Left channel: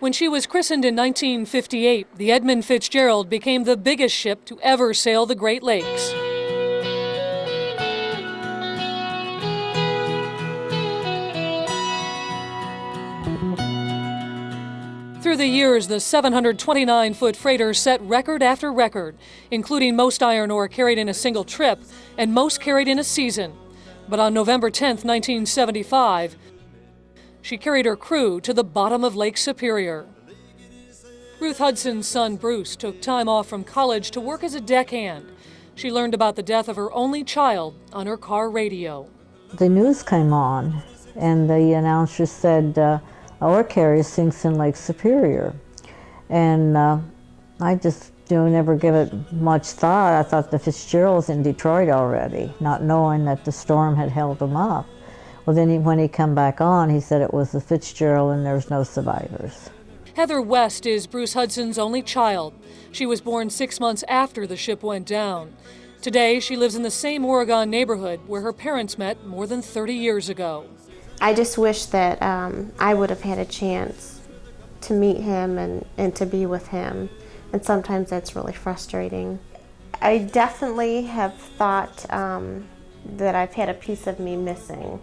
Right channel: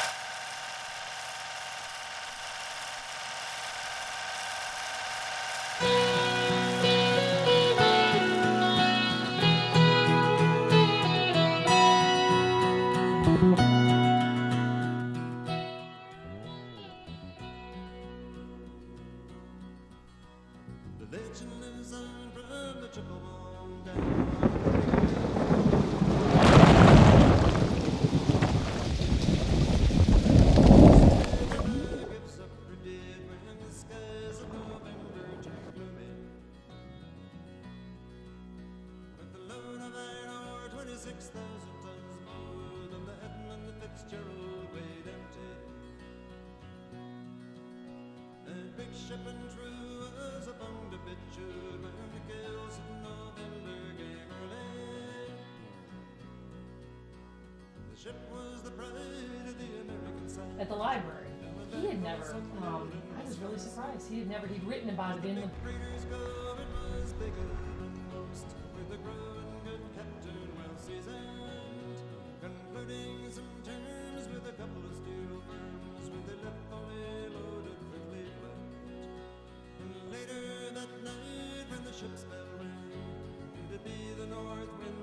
When she was christened in 1958, the Edmund Fitzgerald became the biggest ship to ever sail the Great Lakes. Through the years, the 729-foot freighter set record after record, including most iron ore carried in a single trip and most carried in a season. But on November 10, 1975, she carried her crew to the bottom of Lake Superior. Ruth Hudson's son, Bruce, took time off from college to work as a deckhand. She learned about the death of her only child on her car radio. The news came on, and the announcer said, ore carrier sinks in Lake Superior. And I just never give it much thought. I thought the Fitzgerald's in Detroit already, not knowing that the storm had held them up. Well, then when he come back on, he said it was the Fitzgerald and there was no survivors. Heather West is Bruce Hudson's only child. She was born 6 months after the ship went down. Today, she lives in the same Oregon neighborhood where her parents met more than 30 years ago. I just wish that I would have had a chance to meet him and to be with him. And sometimes that's really frustrating. I definitely have thought that I've had a piece of me missing.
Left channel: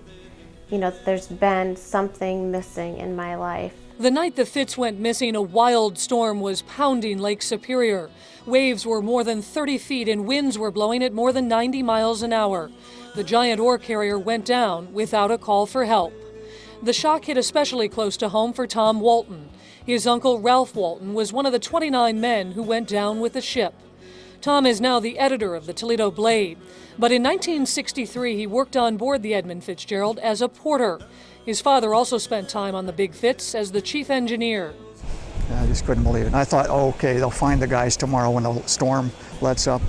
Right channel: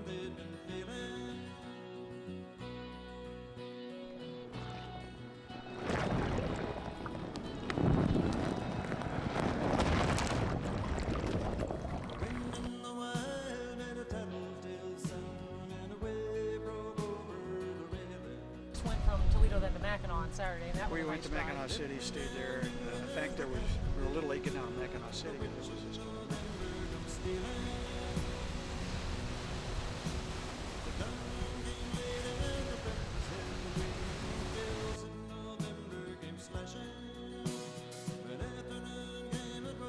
You know, there's been something missing in my life. The night the Fitz went missing, a wild storm was pounding Lake Superior. Waves were more than 30 feet and winds were blowing at more than 90 miles an hour. The giant ore carrier went down without a call for help. The shock hit especially close to home for Tom Walton. His uncle, Ralph Walton, was one of the 29 men who went down with the ship. Tom is now the editor of the Toledo Blade. But in 1963, he worked on board the Edmund Fitzgerald as a porter. His father also spent time on the Big Fitz as the chief engineer. I just couldn't believe it. I thought, oh, okay, they'll find the guys tomorrow when the storm lets up.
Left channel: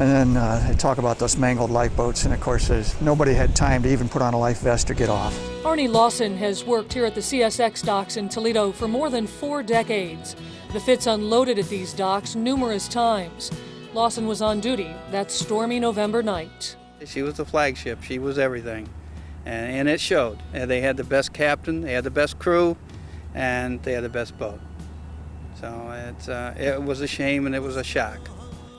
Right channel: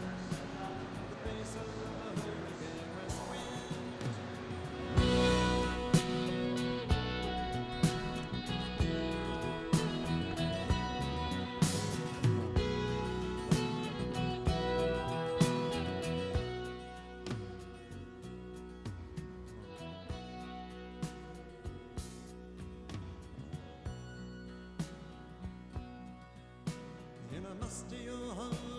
And then they talk about those mangled lifeboats, and of course, nobody had time to even put on a life vest or get off. Arnie Lawson has worked here at the CSX docks in Toledo for more than 4 decades. The Fitz unloaded at these docks numerous times. Lawson was on duty that stormy November night. She was the flagship. She was everything, and it showed. And they had the best captain, they had the best crew, and they had the best boat. So it was a shame and it was a shock.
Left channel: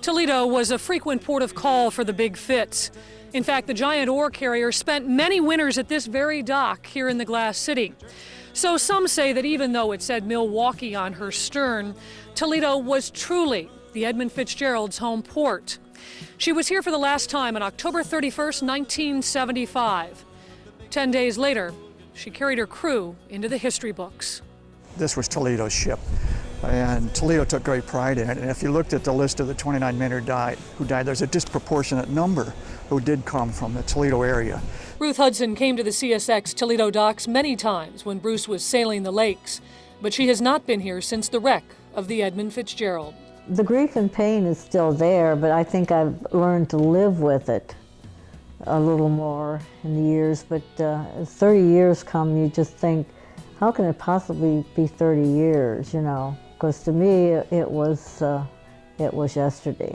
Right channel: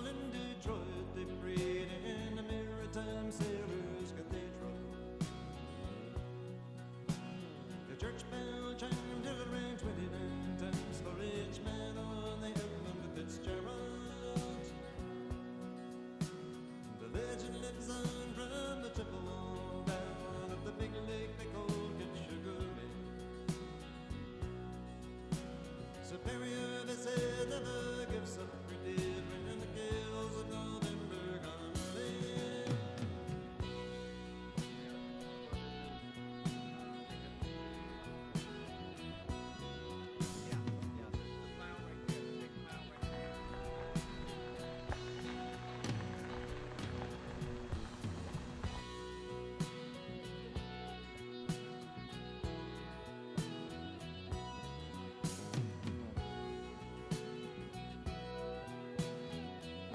Toledo was a frequent port of call for the Big Fitz. In fact, the giant ore carrier spent many winters at this very dock here in the Glass City. So some say that even though it said Milwaukee on her stern, Toledo was truly the Edmund Fitzgerald's home port. She was here for the last time on October 31st, 1975. 10 days later, she carried her crew into the history books. This was Toledo's ship, and Toledo took great pride in it. And if you looked at the list of the 29 men who died, there's a disproportionate number who did come from the Toledo area. Ruth Hudson came to the CSX Toledo docks many times when Bruce was sailing the lakes, but she has not been here since the wreck of the Edmund Fitzgerald. The grief and pain is still there, but I think I've learned to live with it a little more in the years. But as 30 years come, you just think, how can it possibly be 30 years, you know? Because to me, it was yesterday.